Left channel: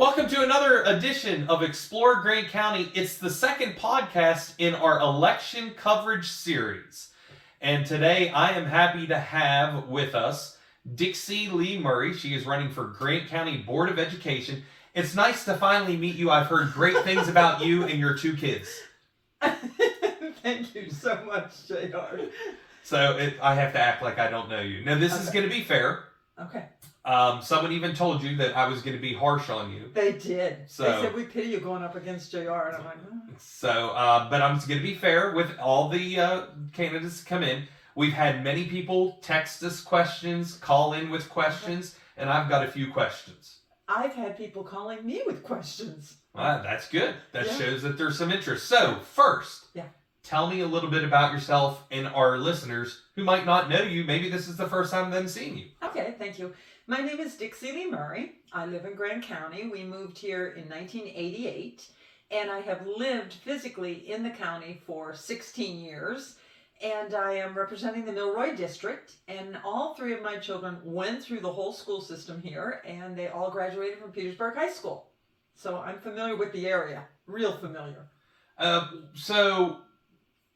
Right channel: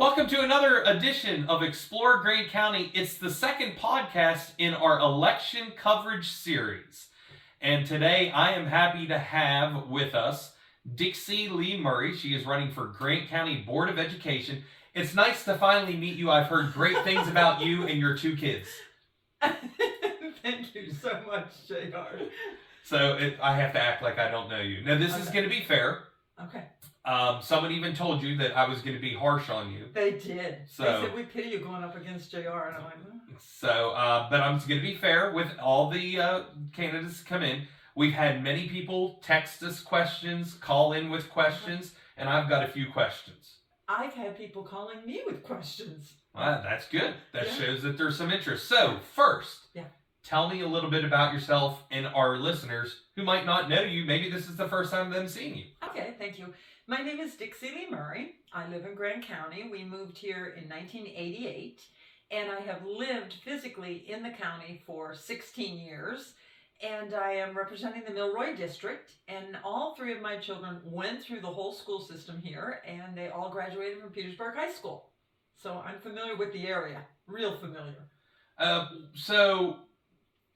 Welcome to another edition of Explore Grant County. It's the second podcast in our election coverage series. And today I am happy to have with us DixieLee Murray. She is running for Grant County Board of Education. It's nice to finally meet you. I've heard great things about you and your two kids. Thank you so much, JR. So I have to act like I don't know you. Now, this is going to be fair. Okay. Someone even told you that I was going to be harsh on you. They did. So, they said, we pity you going up against JR. And I'm like, So, but I'm going to be fair with all the candidates come in. We've had many people text us questions, call in with questions, and I've got a few questions. I've had people calling me with questions. Well, that's good. That shows that there's some interest. So, first, tell me a little bit about yourself and our listeners who might not know you. Maybe this is the first time them seeing you. Okay, thank you. My name is DixieLee Murray. I live in Grant County. We moved here in 1988, and I have lived physically in the county for 16 years. And I am representing the Milroy District, and all three of my children went through the whole school system here, and they all graduated from Petersburg High School. So I'm familiar with the area, real familiar. So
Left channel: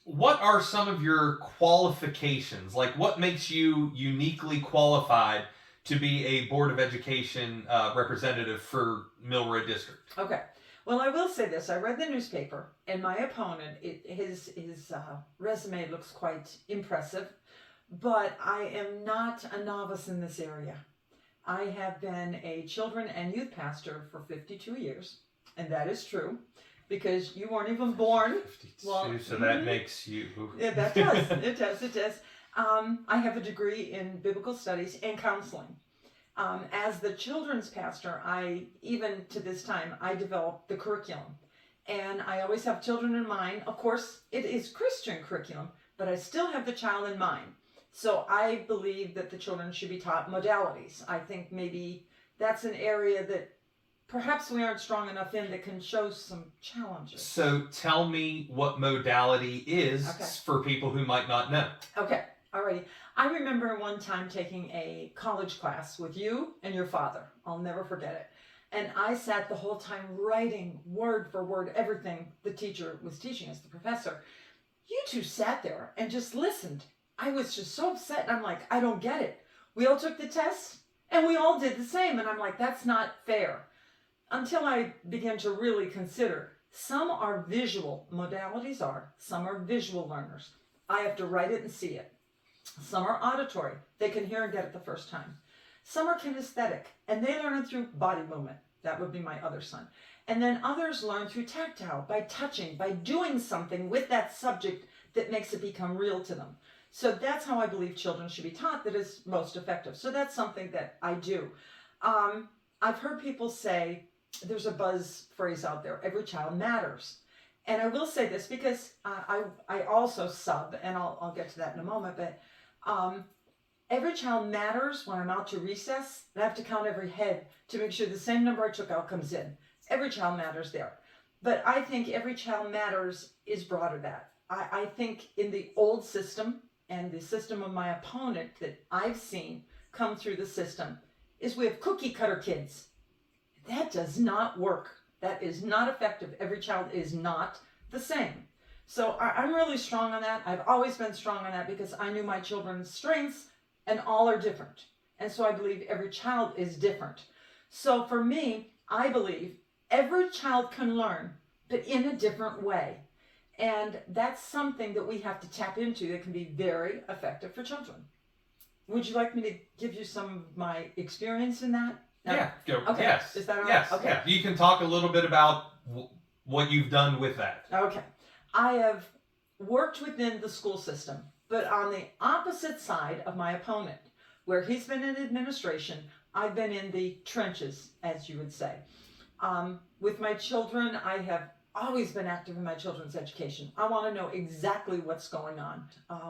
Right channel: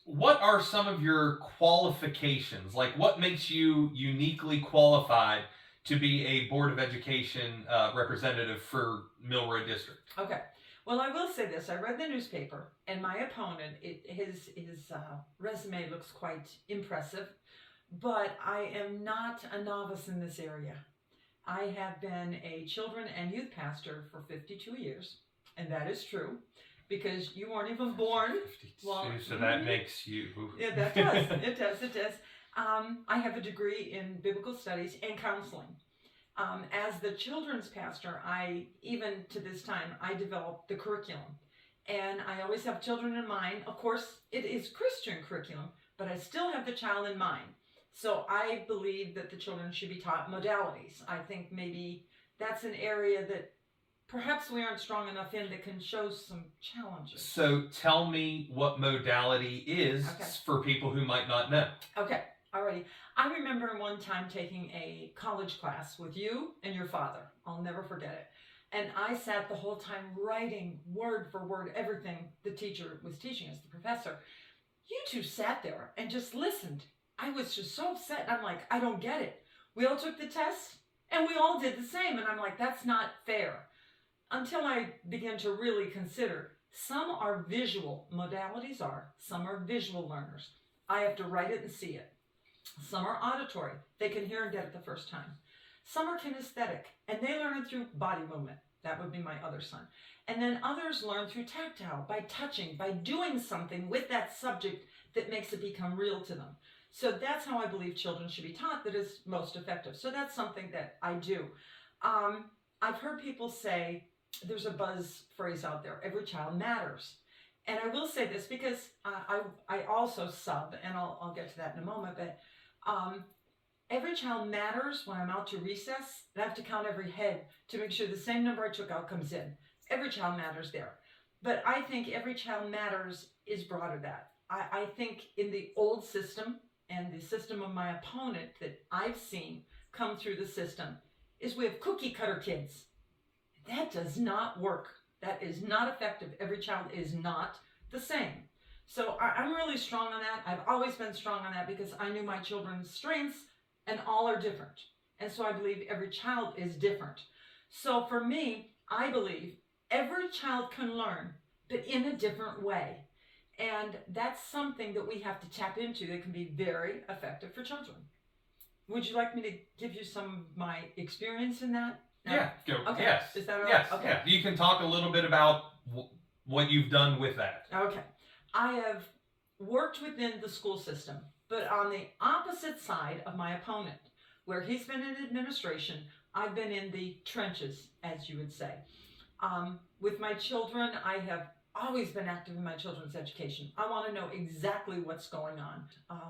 what are some of your qualifications? Like, what makes you uniquely qualified to be a Board of Education representative for Milroy District? Okay. Well, I will say this. I read the newspaper, and my opponent, his resume looks quite impressive, but I am not a novice in this area. I have been a children and youth pastor for 52 years, and that is true, because you weren't even born. 52, well, so that makes you... Yeah, that does. It does. I have a degree in biblical studies and counseling. As the children's pastor, even to this time, I developed the curriculum. And I always have children in mind. Of course, it is Christian curriculum, but I still have the child in mind. So I believe that the children should be taught modalities. I think maybe that's an area that perhaps we aren't strong enough in that can show some challenges. So tell me what modality is for people who might not know. Okay. Alrighty. I remember one time taking a college class with you and your father. I'll never forget it. And I sat the whole time writing word for word everything the teacher was teaching us, the professor. You two sat there and just listened. I was just so upset. I'm like, I don't get it. We all took the test and we all did the same. And I'm like, that's not fair. Until I began to really consider, some are visual, modalities are, some are visual learners. I have to write it and see it. Some are auditory. They can hear and get it the first time. Some are kinesthetic, and they learn it through body movement. That would be my other son. And then others learn through tactile, by touching, by doing something with that subject that makes it become real to them. So that's how I believe children should be taught that is most effective. So that's something that I do. I've heard people say, there's a buzz phrase out there, every child matters. And I will say this because I also sub, and I'll get to that in a moment, but every child matters when I'm out to recess, and I have to count every head to make sure the same number I took out comes in. Every child matters there. But I think every child matters is broader than that. I think in the old system and the system of my opponent that I've seen come through the system is we have cookie cutter kids. That does not work. That is not effective. Every child is not the same. So I'm really strong on that. I've always been strong on that because I knew my children's strengths and all are different. And so I believe every child is different. So for me, I believe every child can learn, but in a different way. And that's something that we have to tap into that can be very effective for children. Would you like me to give you some of my experience in that? No? Yeah, go. Okay. Yes. Is that all right? Yes. Okay. Yeah. You can talk a little bit about what you've done with that. Okay. I have worked within the school system, but on the opposite side of my opponent, where he's been in administration, I've been in the trenches, as you would say. With my children, I have always been active in my children's education. I want to know exactly what's going on.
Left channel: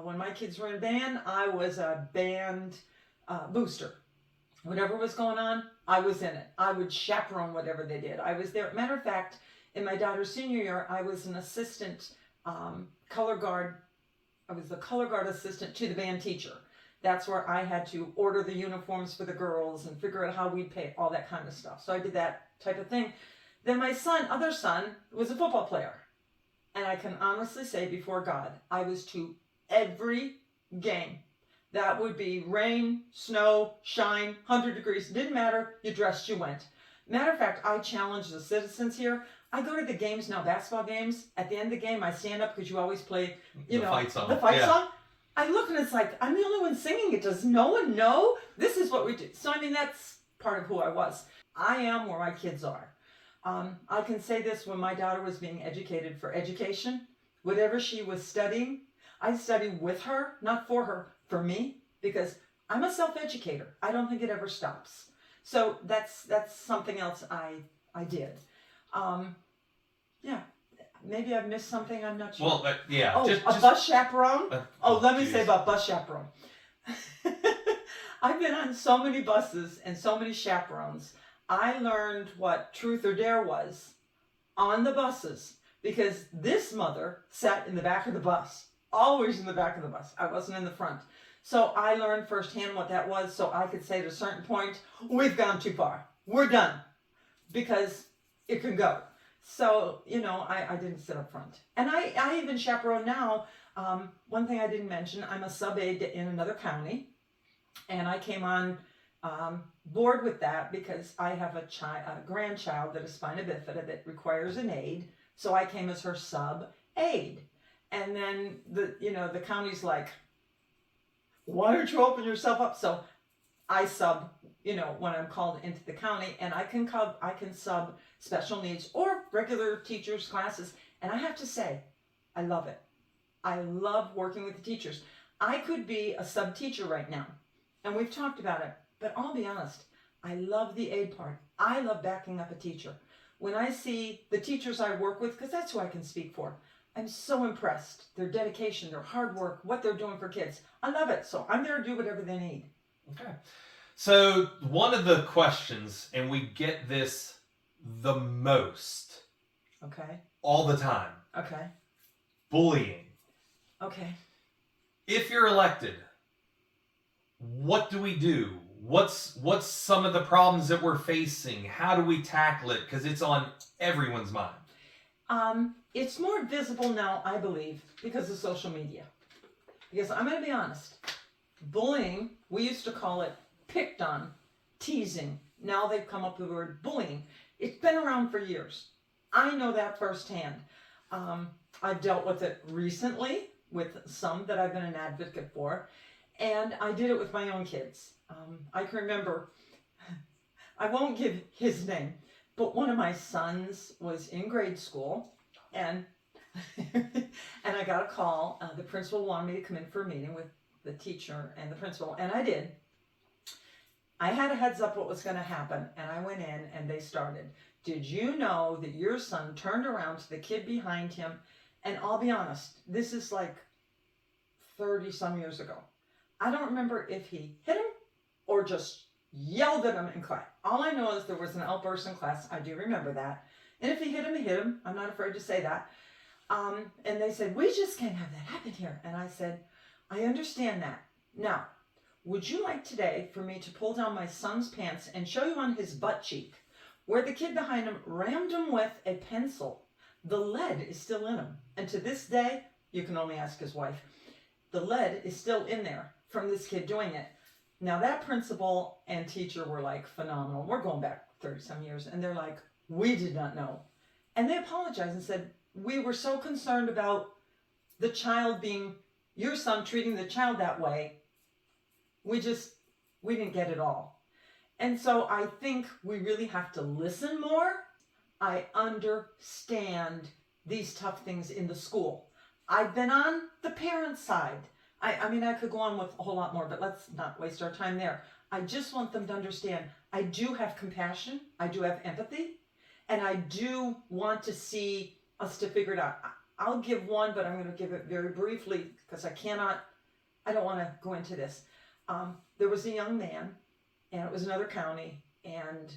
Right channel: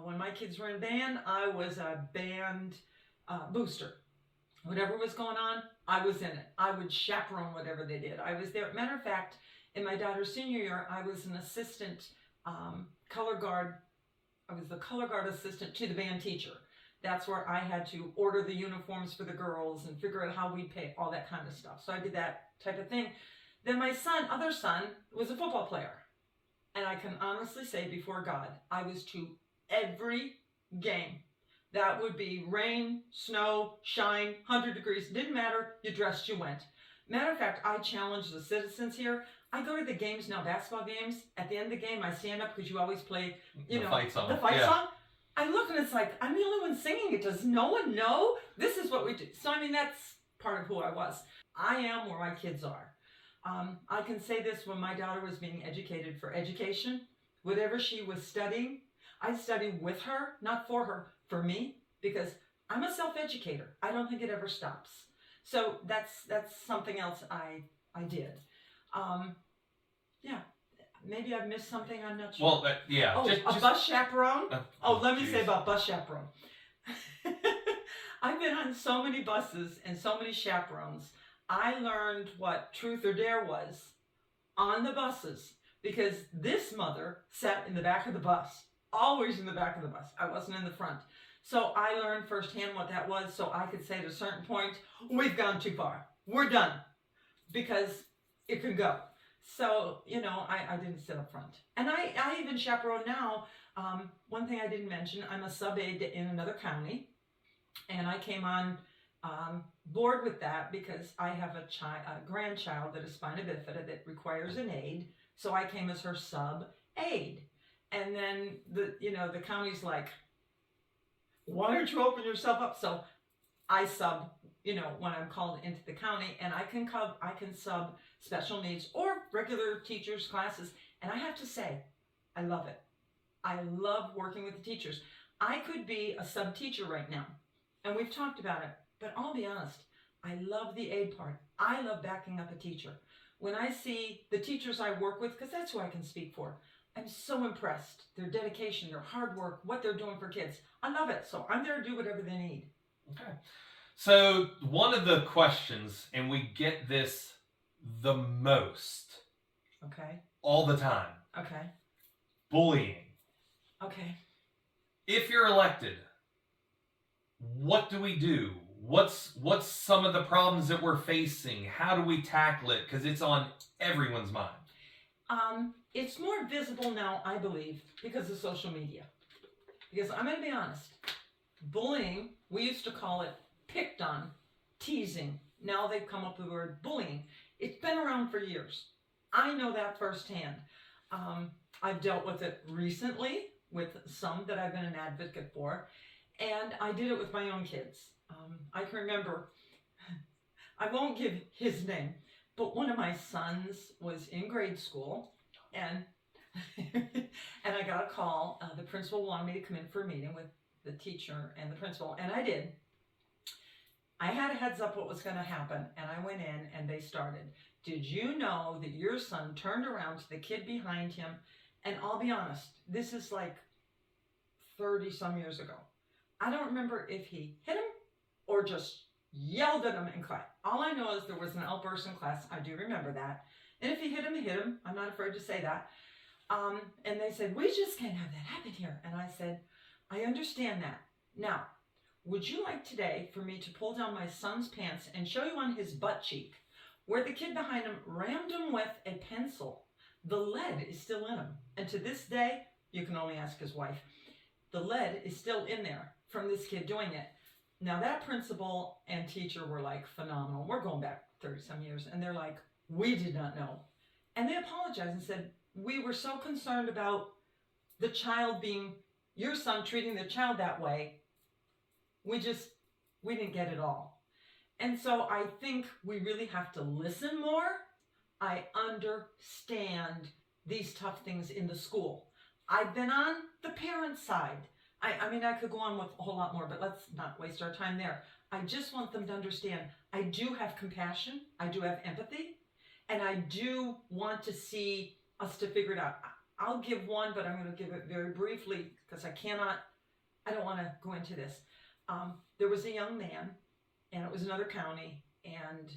When my kids were in band, I was a band booster. Whatever was going on, I was in it. I would chaperone whatever they did. I was there. Matter of fact, in my daughter's senior year, I was an assistant color guard. I was the color guard assistant to the band teacher. That's where I had to order the uniforms for the girls and figure out how we pay, all that kind of stuff. So I did that type of thing. Then my other son, was a football player. And I can honestly say before God, I was to every game. That would be rain, snow, shine, 100 degrees. Didn't matter. You dressed, you went. Matter of fact, I challenge the citizens here. I go to the games now, basketball games. At the end of the game, I stand up because you always play, the fight song. I look and it's like, I'm the only one singing it. Does no one know? This is what we do. So, I mean, that's part of who I was. I am where my kids are. I can say this, when my daughter was being educated for education, whatever she was studying, I studied with her, not for her, for me, because I'm a self-educator. I don't think it ever stops. So that's something else I did. Yeah. Maybe I've missed something, I'm not sure. Well, yeah. A bus chaperone? Let me geez. say about bus chaperone. I've been on so many buses and so many chaperones. I learned what truth or dare was on the buses because this mother sat in the back of the bus, always in the back of the bus. I wasn't in the front. So I learned firsthand what that was, so I could say at a certain point, we've gone too far. We're done. Because it can go. So, I didn't sit up front. And I even chaperone now. One thing I didn't mention, I'm a sub-aide in another county. And I came on board with that because I have a grandchild that is spina bifida that requires an aide. So I came as her sub-aide. And then the county's like, why don't you open yourself up? So I sub, when I'm called into the county, and I can sub special needs or regular teachers' classes. And I have to say, I love it. I love working with the teachers. I could be a sub teacher right now, and we've talked about it, but I'll be honest, I love the aid part. I love backing up a teacher. When I see the teachers I work with, because that's who I can speak for, I'm so impressed. Their dedication, their hard work, what they're doing for kids. I love it. So I'm there to do whatever they need. Okay. So one of the questions, and we get this the most. Okay. All the time. Okay. Bullying. Okay. If you're elected, what do we do? What's some of the problems that we're facing? How do we tackle it? Because it's on everyone's mind. It's more visible now, I believe, because of social media. Because I'm going to be honest, bullying, we used to call it picked on, teasing. Now they've come up with the word bullying. It's been around for years. I know that firsthand. I've dealt with it recently with some that I've been an advocate for, and I did it with my own kids. I can remember, I won't give his name, but one of my sons was in grade school, and and I got a call. The principal wanted me to come in for a meeting with the teacher and the principal, and I did. I had a heads up what was going to happen, and I went in, and they started. Did you know that your son turned around to the kid behind him? And I'll be honest, this is like 30 some years ago. I don't remember if he hit him or just yelled at him in class. All I know is there was an outburst in class. I do remember that. And if he hit him, he hit him. I'm not afraid to say that. And they said, we just can't have that happen here. And I said, I understand that. Now, would you like today for me to pull down my son's pants and show you on his butt cheek where the kid behind him rammed him with a pencil? The lead is still in him. And to this day, you can only ask his wife, the lead is still in there from this kid doing it. Now that principal and teacher were like phenomenal. We're going back 30 some years. And they're like, we did not know. And they apologized and said, we were so concerned about the child being, your son treating the child that way. We didn't get it all. And so I think we really have to listen more. I understand these tough things in the school. I've been on the parent side. I mean, I could go on with a whole lot more, but let's not waste our time there. I just want them to understand I do have compassion. I do have empathy. And I do want to see us to figure it out. I'll give one, but I'm going to give it very briefly because I don't want to go into this. There was a young man, and it was another county, and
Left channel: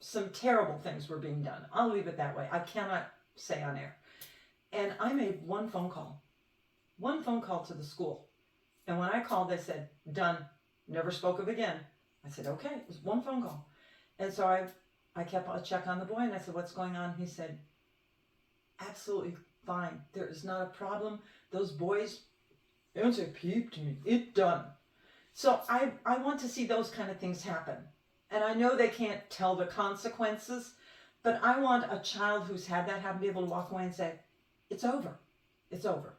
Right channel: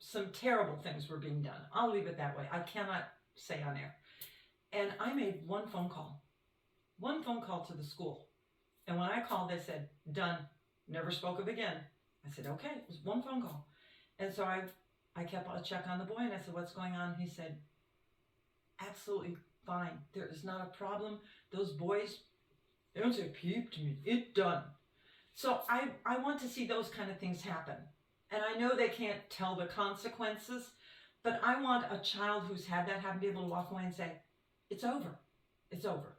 some terrible things were being done. I'll leave it that way. I cannot say on air. And I made one phone call to the school. And when I called, they said, done, never spoke of again. I said, okay, it was one phone call. And so I kept a check on the boy, and I said, what's going on? He said, absolutely fine. There is not a problem. Those boys, they don't say peep to me. It done. So I want to see those kind of things happen. And I know they can't tell the consequences, but I want a child who's had that happen to be able to walk away and say, it's over. It's over.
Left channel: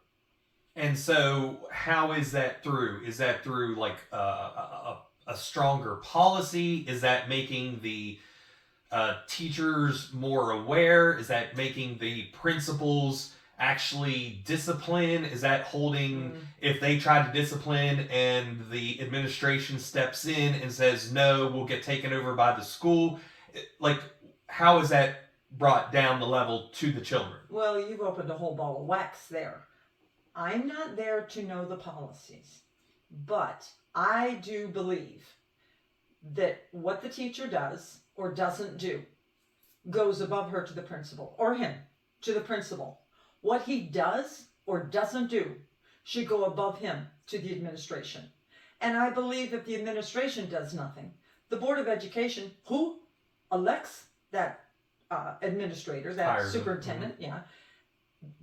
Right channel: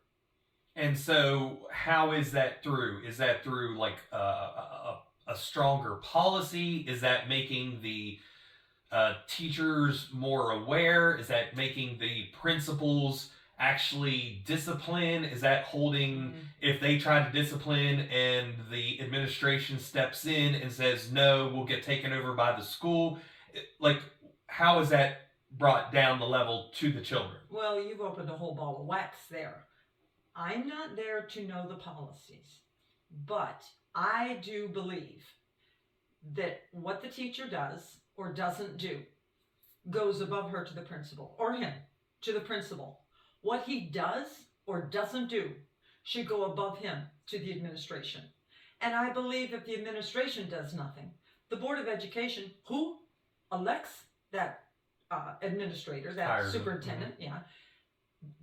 And so how is that through? Is that through like a stronger policy? Is that making the teachers more aware? Is that making the principals actually discipline? Is that holding, if they try to discipline and the administration steps in and says, no, we'll get taken over by the school? Like, how is that brought down the level to the children? Well, you've opened a whole ball of wax there. I'm not there to know the policies, but I do believe that what the teacher does or doesn't do goes above her to the principal, or him to the principal. What he does or doesn't do should go above him to the administration. And I believe if the administration does nothing, the Board of Education, who elects that administrator, that superintendent,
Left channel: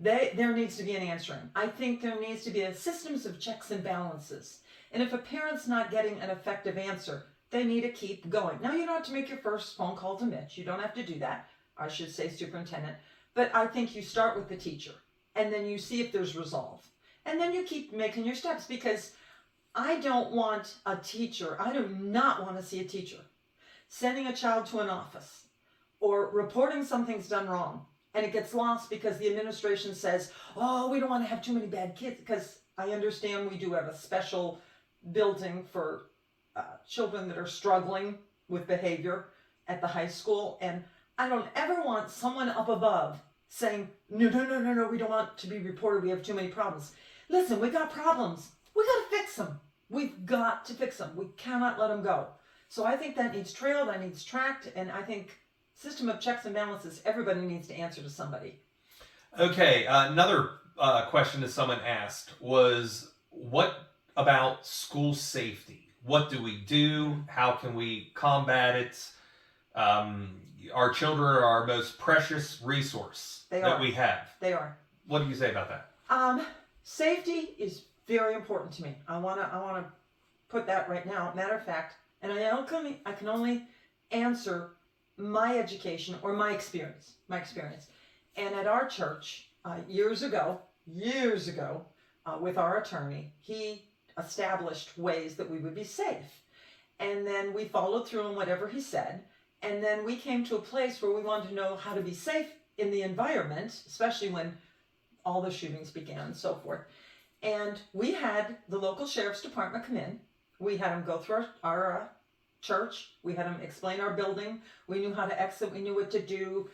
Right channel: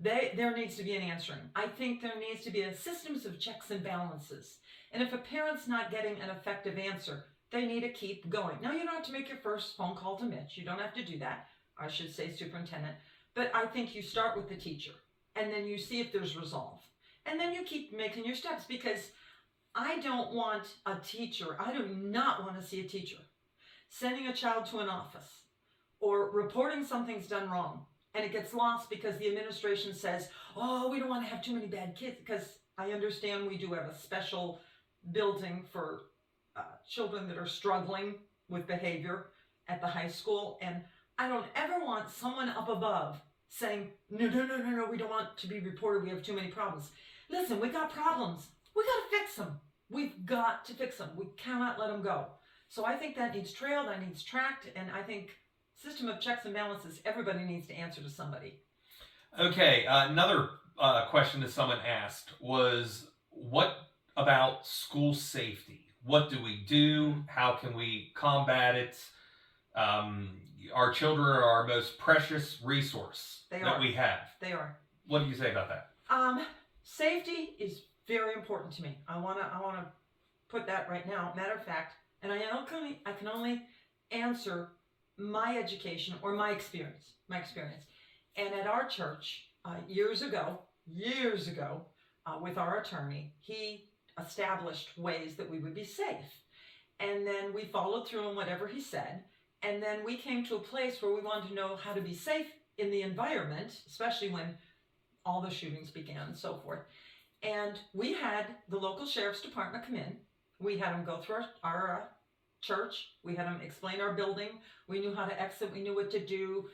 there needs to be an answering. I think there needs to be a systems of checks and balances. And if a parent's not getting an effective answer, they need to keep going. Now, you don't have to make your first phone call to Mitch. You don't have to do that. I should say superintendent. But I think you start with the teacher, and then you see if there's resolve. And then you keep making your steps, because I don't want a teacher, I do not want to see a teacher sending a child to an office or reporting something's done wrong, and it gets lost because the administration says, oh, we don't want to have too many bad kids, because I understand we do have a special building for children that are struggling with behavior at the high school, and I don't ever want someone up above saying, no, we don't want to be reported, we have too many problems. Listen, we got problems. We got to fix them. We've got to fix them. We cannot let them go. So I think that needs trailed, that needs tracked, and I think system of checks and balances, everybody needs to answer to somebody. Okay, another question that someone asked was, what about school safety? What do we do? How can we combat it? Our children are our most precious resource that we have. They are. What do you say about that? Safety is very important to me. I wanna put that right now. Matter of fact, and I can only answer my education or my experience. And at our church, years ago, with our attorney, he established ways that we would be safe. And then we followed through on whatever he said. And then we came to a place where we wanted to know how to be safe in the environment, especially when all the shootings began and so forth. And we had the local sheriff's department come in. We had them go through our church. We had them explain our building. We knew how to exit. We knew what to do,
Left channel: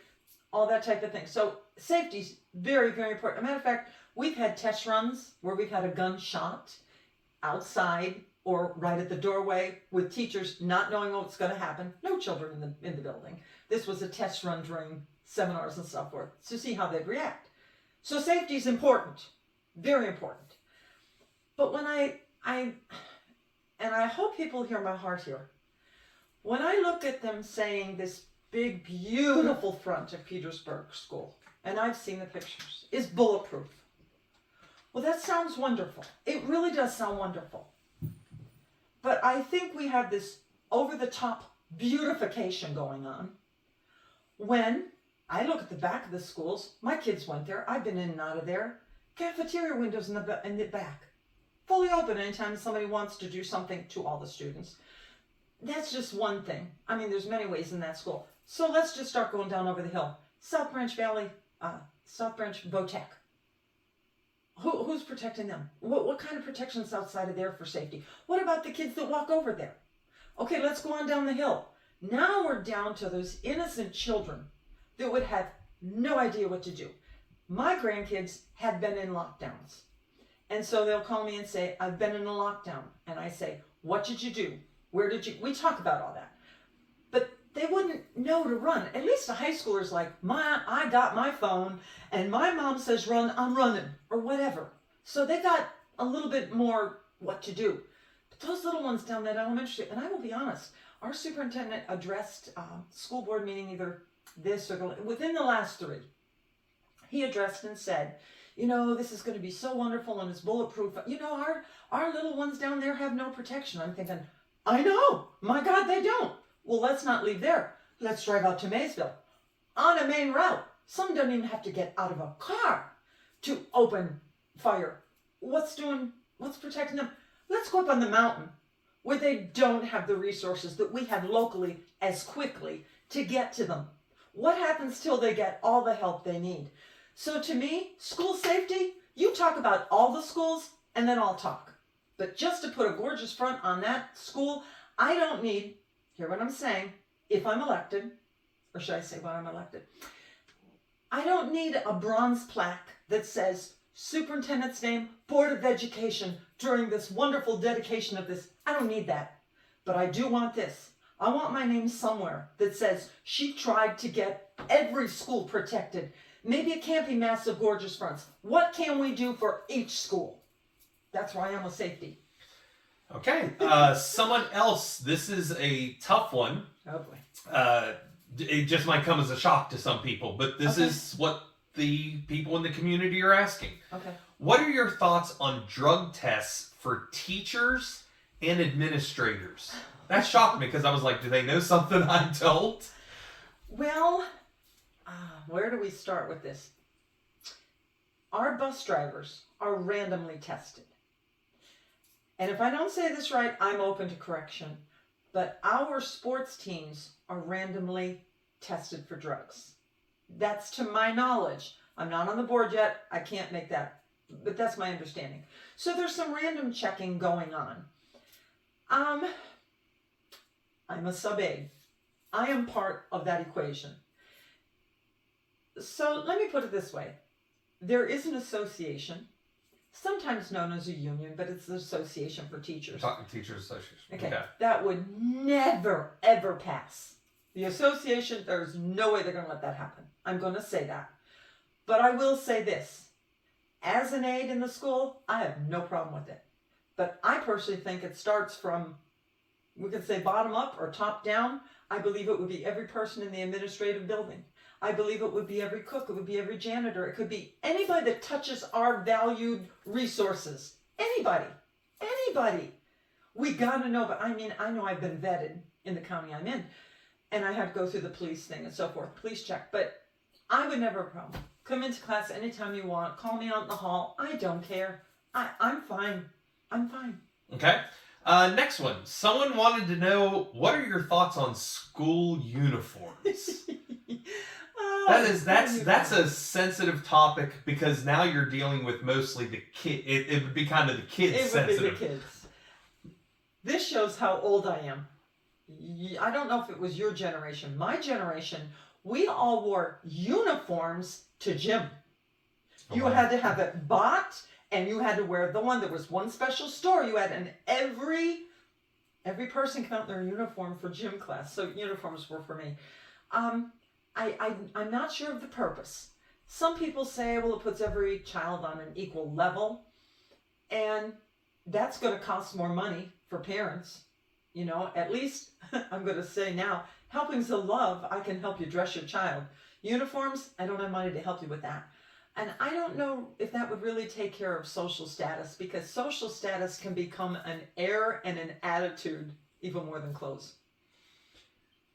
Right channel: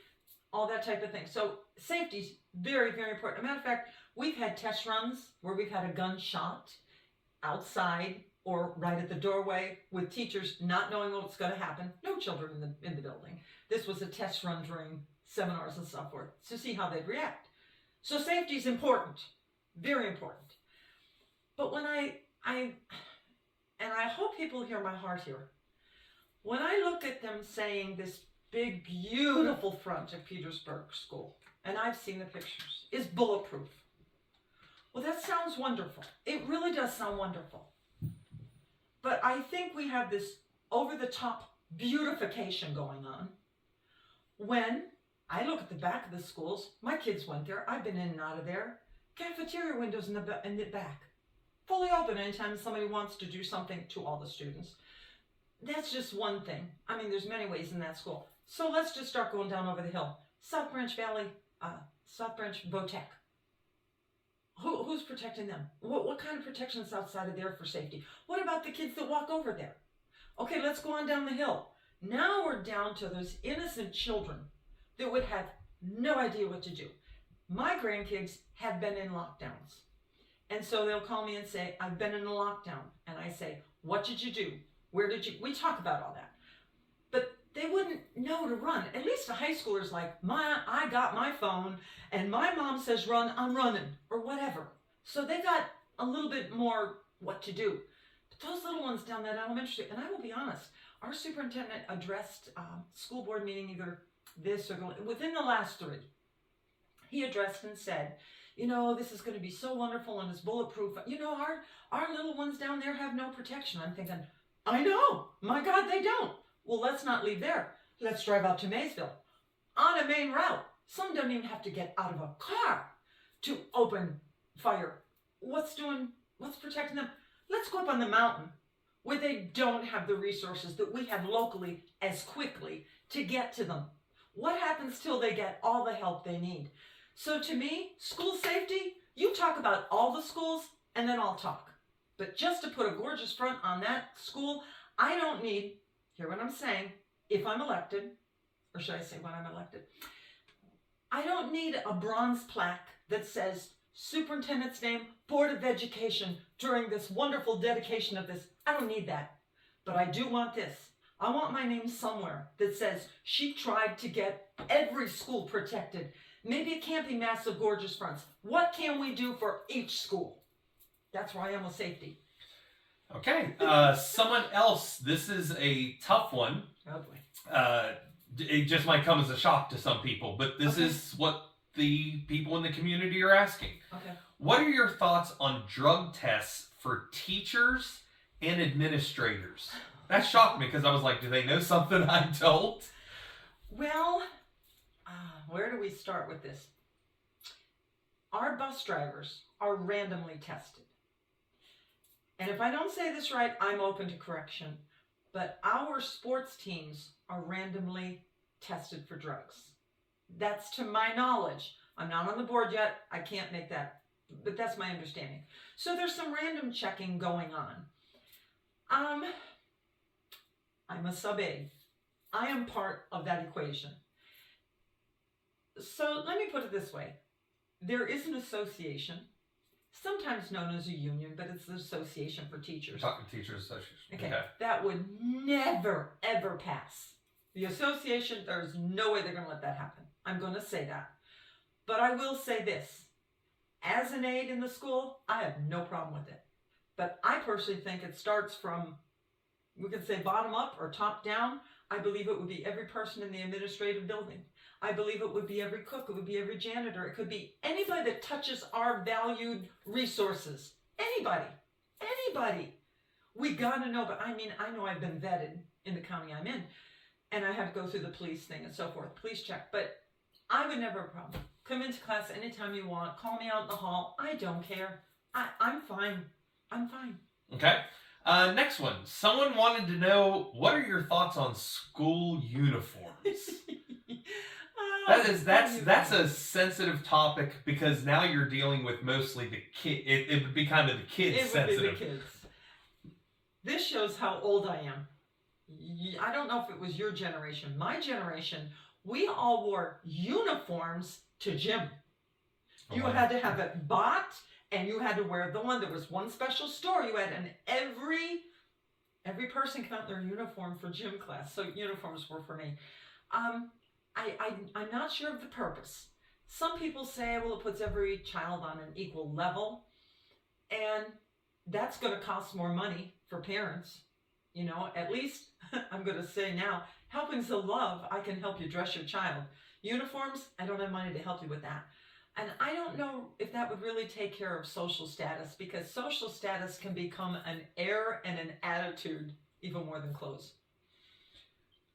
all that type of thing. So safety's very, very important. As a matter of fact, we've had test runs where we've had a gun shot outside or right at the doorway with teachers not knowing what's going to happen. No children in the building. This was a test run during seminars and so forth to see how they'd react. So safety is important, very important. But when I hope people hear my heart here, when I look at them saying this big, beautiful front of Petersburg School, and I've seen the pictures, is bulletproof. Well, that sounds wonderful. It really does sound wonderful. But I think we have this over-the-top beautification going on. When I look at the back of the schools, my kids went there. I've been in and out of there. Cafeteria windows in the back, fully open anytime somebody wants to do something to all the students. That's just one thing. I mean, there's many ways in that school. So let's just start going down over the hill. South Branch Valley, South Branch Vo-Tech. Who's protecting them? What kind of protection is outside of there for safety? What about the kids that walk over there? Okay, let's go on down the hill. Now we're down to those innocent children that would have no idea what to do. My grandkids had been in lockdowns. And so they'll call me and say, I've been in a lockdown. And I say, what did you do? Where did you? We talk about all that. But they wouldn't know to run. At least a high schooler's like, I got my phone and my mom says run, I'm running, or whatever. So they got a little bit more what to do. But those little ones down that elementary, and I will be honest, our superintendent addressed school board meeting either this or within the last 3. He addressed and said, this is going to be so wonderful and it's bulletproof. Our little ones down there have no protection. I'm thinking, I know. My God, they don't. Well, let's not leave there. Let's drive out to Maysville. On a main route. Some don't even have to get out of a car to open fire. What's protecting them? Let's go up on the mountain where they don't have the resources that we have locally as quickly to get to them. What happens till they get all the help they need? So to me, school safety, you talk about all the schools and then I'll talk. But just to put a gorgeous front on that school, I don't need, hear what I'm saying, if I'm elected, or should I say when I'm elected, I don't need a bronze plaque that says superintendent's name, Board of Education during this wonderful dedication of this. I don't need that. But I do want this. I want my name somewhere that says she tried to get every school protected. Maybe it can't be massive, gorgeous fronts. What can we do for each school? That's where I am with safety. Okay. Someone else, this is a tough one. Oh boy. It just might come as a shock to some people, but this is what the people in the community are asking. Okay. What are your thoughts on drug tests for teachers and administrators? That shocked me because I was like, do they know something I don't? Well, where do we start with this? Our bus drivers are randomly tested. And if I don't say this right, I'm open to correction. But our sports teams are randomly tested for drugs. That's to my knowledge. I'm not on the board yet. I can't make that, but that's my understanding. So there's some random checking going on. I'm a sub-aide. I am part of that equation. So let me put it this way. There is an association, sometimes known as a union, but it's the Association for Teachers. Talking Teachers Association. Okay. That would never, ever pass. The association, there's no way they're going to let that happen. I'm going to say that. But I will say this. As an aide in the school, I have no problem with it. But I personally think it starts from, we could say bottom up or top down. I believe it would be every person in the administrative building. I believe it would be every cook. It would be every janitor. It could be anybody that touches our valued resources. Anybody. We got to know. But I know I've been vetted in the county I'm in. And I had to go through the police thing and so forth. Police check. But I would never have a problem. Come into class anytime you want. Call me out in the hall. I don't care. I'm fine. Okay. Next one. Someone wanted to know, what are your thoughts on school uniforms? That's a sensitive topic because now you're dealing with mostly the kid. It would be kind of the kids sensitive. It would be the kids. This shows how old I am. I don't know if it was your generation. My generation, we all wore uniforms to gym. You had to have it bought, and you had to wear the one. There was one special store you had, and every person got their uniform for gym class. So uniforms were for me. I'm not sure of the purpose. Some people say, well, it puts every child on an equal level, and that's going to cost more money for parents. At least I'm going to say now, helping's a love. I can help you dress your child. Uniforms, I don't have money to help you with that. And I don't know if that would really take care of social status, because social status can become an air and an attitude even more than clothes.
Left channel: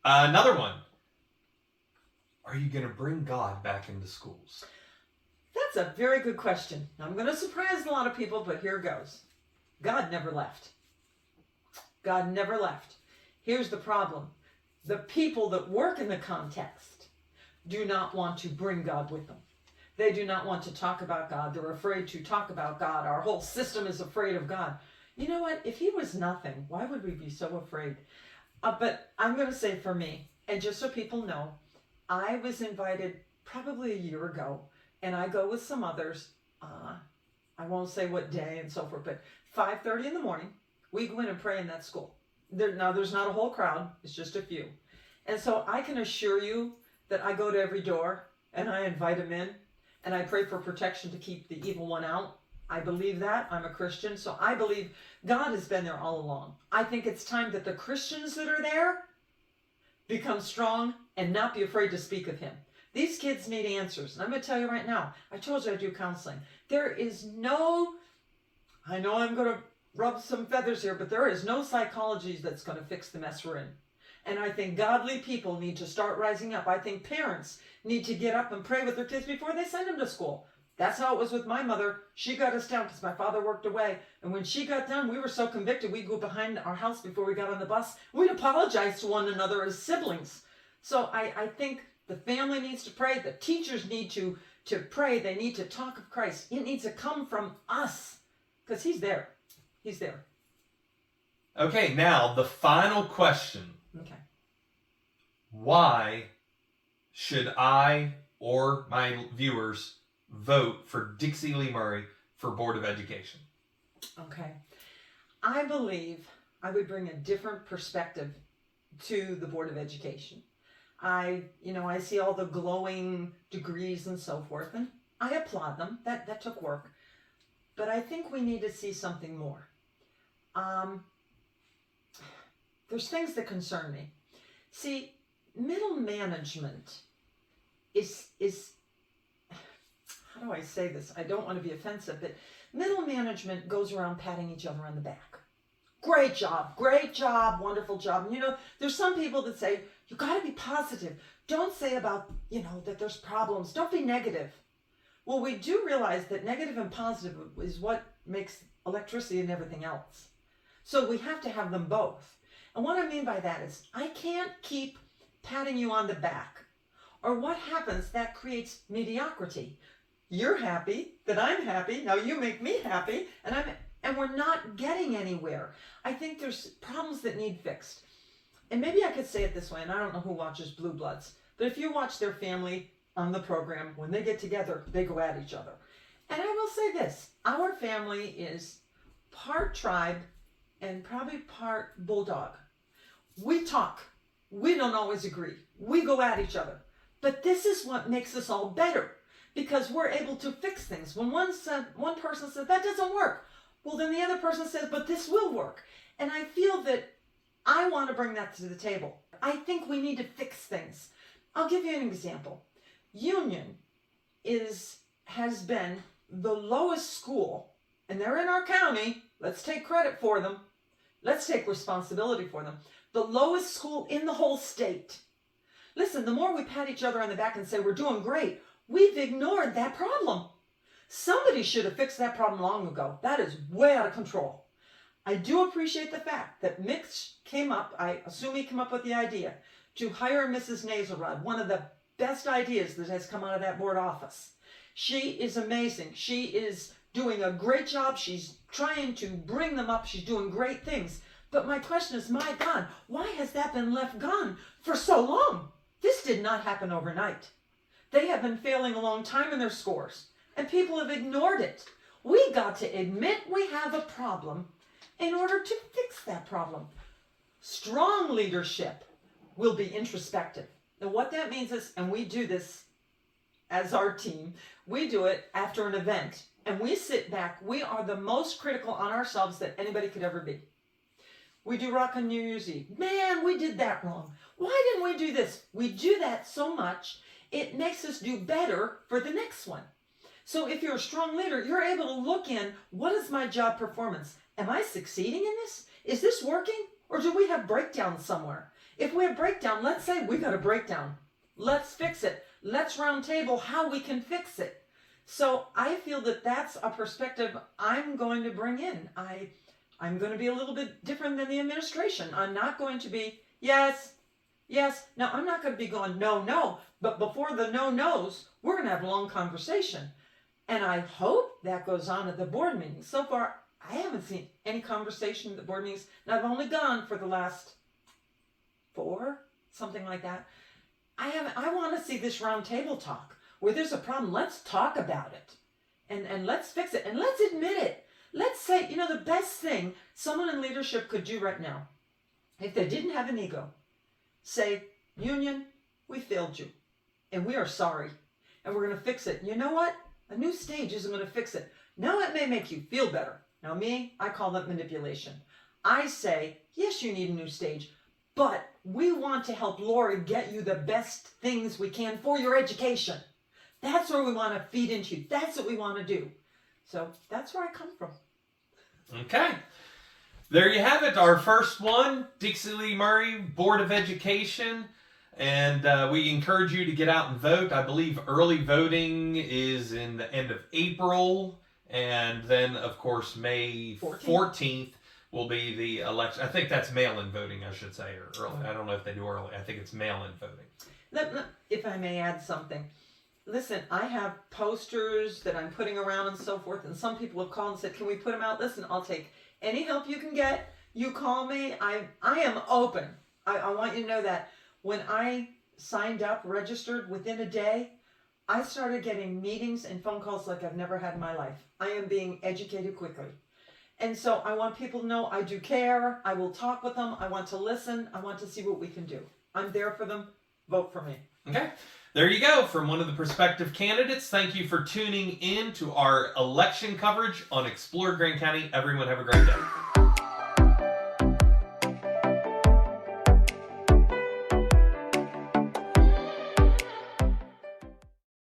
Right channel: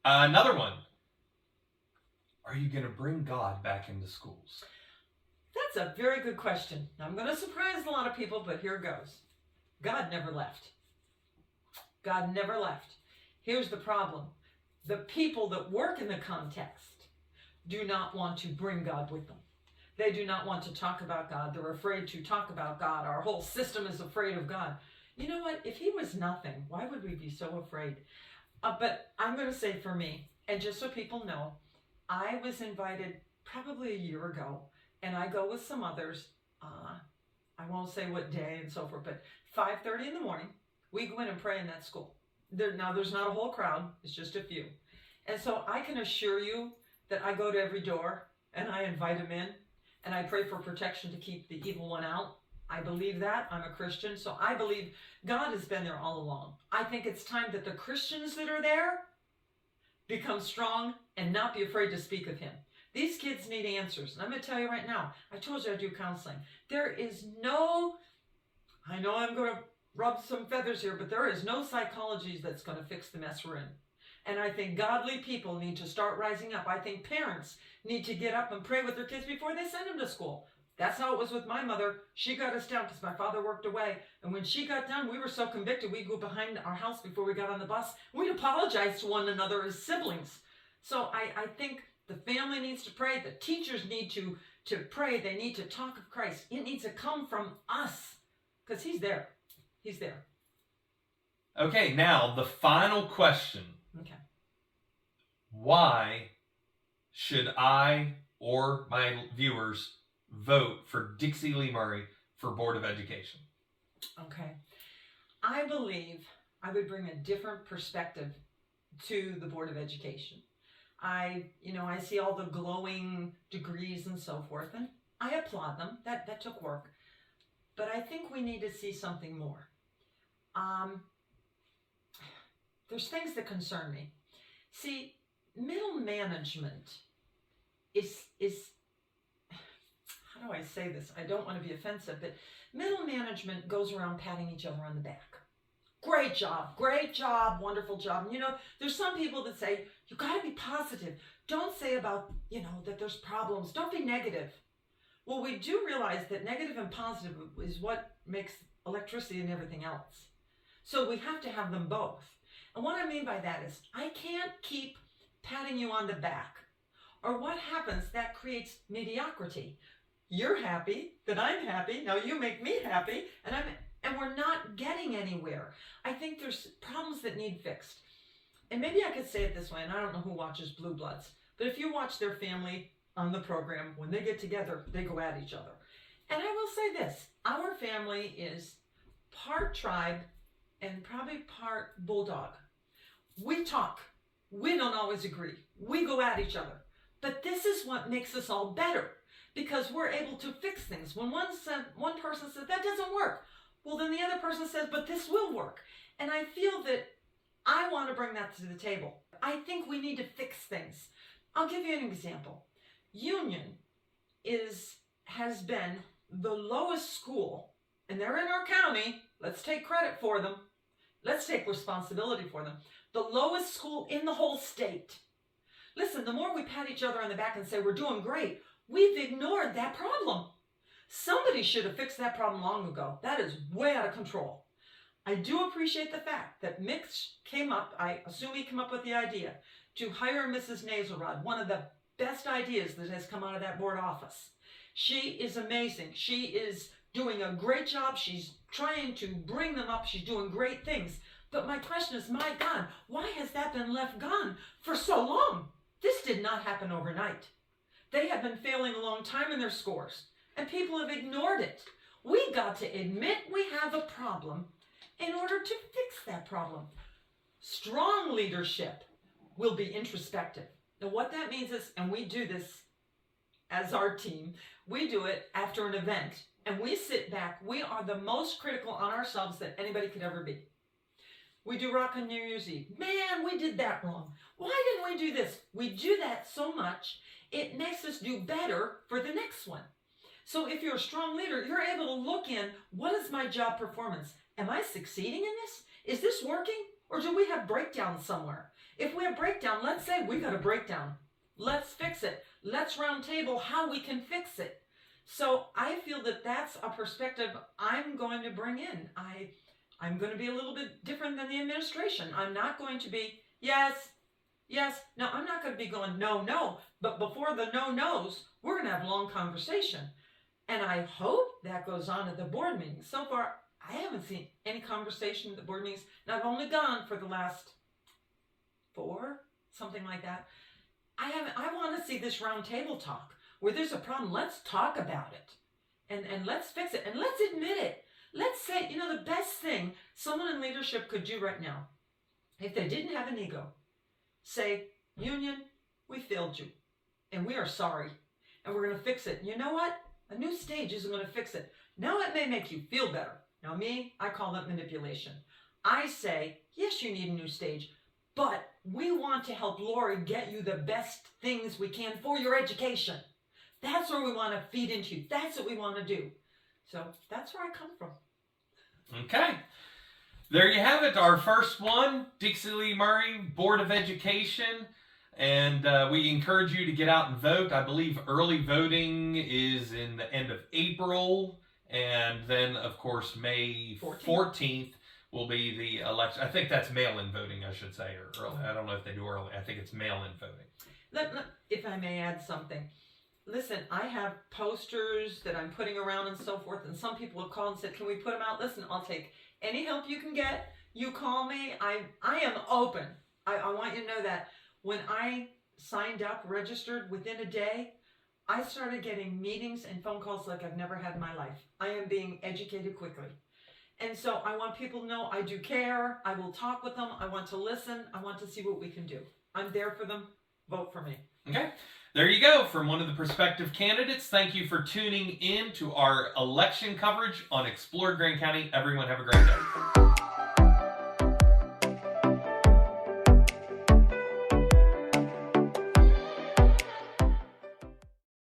Another one. Are you going to bring God back into schools? That's a very good question. I'm going to surprise a lot of people, but here goes. God never left. God never left. Here's the problem. The people that work in the context do not want to bring God with them. They do not want to talk about God. They're afraid to talk about God. Our whole system is afraid of God. You know what? If he was nothing, why would we be so afraid? But I'm going to say for me, and just so people know, I was invited probably a year ago, and I go with some others. I won't say what day and so forth, but 5:30 in the morning, we go in and pray in that school. Now, there's not a whole crowd. It's just a few. And so I can assure you that I go to every door, and I invite them in, and I pray for protection to keep the evil one out. I believe that. I'm a Christian, so I believe God has been there all along. I think it's time that the Christians that are there become strong and not be afraid to speak of him. These kids need answers. And I'm going to tell you right now, I told you I do counseling. There is no, I know I'm going to rub some feathers here, but there is no psychology that's going to fix the mess we're in. And I think godly people need to start rising up. I think parents need to get up and pray with their kids before they send them to school. That's how it was with my mother. She got us down because my father worked away. And when she got done, we were so convicted, we'd go behind our house before we got on the bus. We'd apologize to one another as siblings. So I think the family needs to pray. The teachers need to pray. They need to talk of Christ. It needs to come from us because he's there. He's there. Okay, now the final question. Okay. Why should I or my viewers vote for DixieLee Murray for Board of Education? Okay. I believe I would bring a different perspective to the Board of Education. I see all the glowing degrees and so forth, and I applaud them. That took work. But I think we need to see something more. There's things that concern me. See, middle management is how do I say this? I don't want to be offensive, but middle management goes around patting each other on the back. Great job, wonderful job. And there's some people that say, you got to be positive. Don't say about, that there's problems. Don't be negative. Well, we do realize that negative and positive is what makes electricity and everything else. So we have to have them both. And what I mean by that is I can't keep patting you on the back. Or what happens, that creates mediocrity. You're happy that I'm happy. Now you make me happy, and we're not getting anywhere. I think there's problems that need fixed. And maybe I could say it this way, and I don't know who watches Blue Bloods, but if you watch their family on the program, when they get together, they go at each other. And I will say this, our family is part tribe and probably part bulldog. We talk. We don't always agree. We go at each other. But this is what makes us all better, because we're able to fix things. When one person says, that doesn't work, well, then the other person says, but this will work. And I feel that I want to bring that to the table. I think we need to fix things. I'll give you an example. Union has been the lowest school, and they're in our county. Let's take credit for them. Let's take responsibility for them. The lowest school in the whole state. Listen, the more we pat each other on the back and say we're doing great, we've ignored that problem. Somebody should have fixed that problem long ago. That is way out of control. I do appreciate the fact that Mitch came up, I assume he came up with the idea, to hire Mrs. Nazelrod, one of the best ideas that has come out of that board office. She is amazing. She is doing a great job. She's trying to bring them up. She's doing great things. But my question is, my God, why has that been left gone for so long? This did not happen overnight. They have been failing a long time in their scores, and people have ignored it. We got to admit we have a problem in order to fix that problem. Strong leadership will be introspective. And what that means is, and we do this as our team, we do it after an event, and we sit back. We are the most critical on ourselves that anybody could ever be. We do rock on New Year's Eve. Man, we did that wrong. Why didn't we do this? We do that so much, it makes us do better for the next one. So if you're a strong leader, you're able to look in, what is my job performance? Am I succeeding in this? Is this working? Or do we have breakdowns somewhere? If we have breakdown, let's say we've got a breakdown. Let's fix it. Let's round table how we can fix it. So I feel that that's a perspective I'm going to bring in. I'm going to be a little bit different than the administration. I'm not going to be, yes. Now, I'm not going to be going, no. But before the no-nos, we're going to have a long conversation. And I hope that goes on at the board meetings. So far, I haven't seen any conversation at the board meetings. And I've only gone for the last 4, something like that. I want to see this round table talk. Where there's a problem, let's talk about it. And let's fix it. And let's admit it. Let's say, the best thing someone in leadership could do right now, if they didn't have an ego, say, Union, we failed you, and we are sorry, and we're going to fix it. You know what? A new stage isn't going to fix it. Now, it may make you feel better. Now, me, I call that manipulation. I say, yes, you need a new stage, but we want to help Lori get you the best things we can for your education. That's where we want to feed into you. That's what we want to do. So that's where I come from. Okay. There you have it. Our first one, DixieLee Murray, Board of Education. And we encourage you to get out and vote. I believe early voting is in the end of April. And then, of course, May 14th will be the election. I think that's mail-in voting, I should say, or early. I don't know if they do early. I think it's mail-in voting. If I may add something. Listen, I have posters that I'm putting around and so forth, and some people have called and said, can we put them out? Listen, I'll take any help you can get. You call me. I am open. I want you to know that when I signed up, registered, within a day, I started getting meetings and phone calls like I've never had in my life. I am being educated quickly. And so I want people to know I do care. I will talk with them. I want to listen. I want to see what we can do. I'm there for them. Vote for me. Okay. There you go. From one of the prospective candidates, thank you for tuning in to our election coverage on Explore Grand County. Everyone have a great day.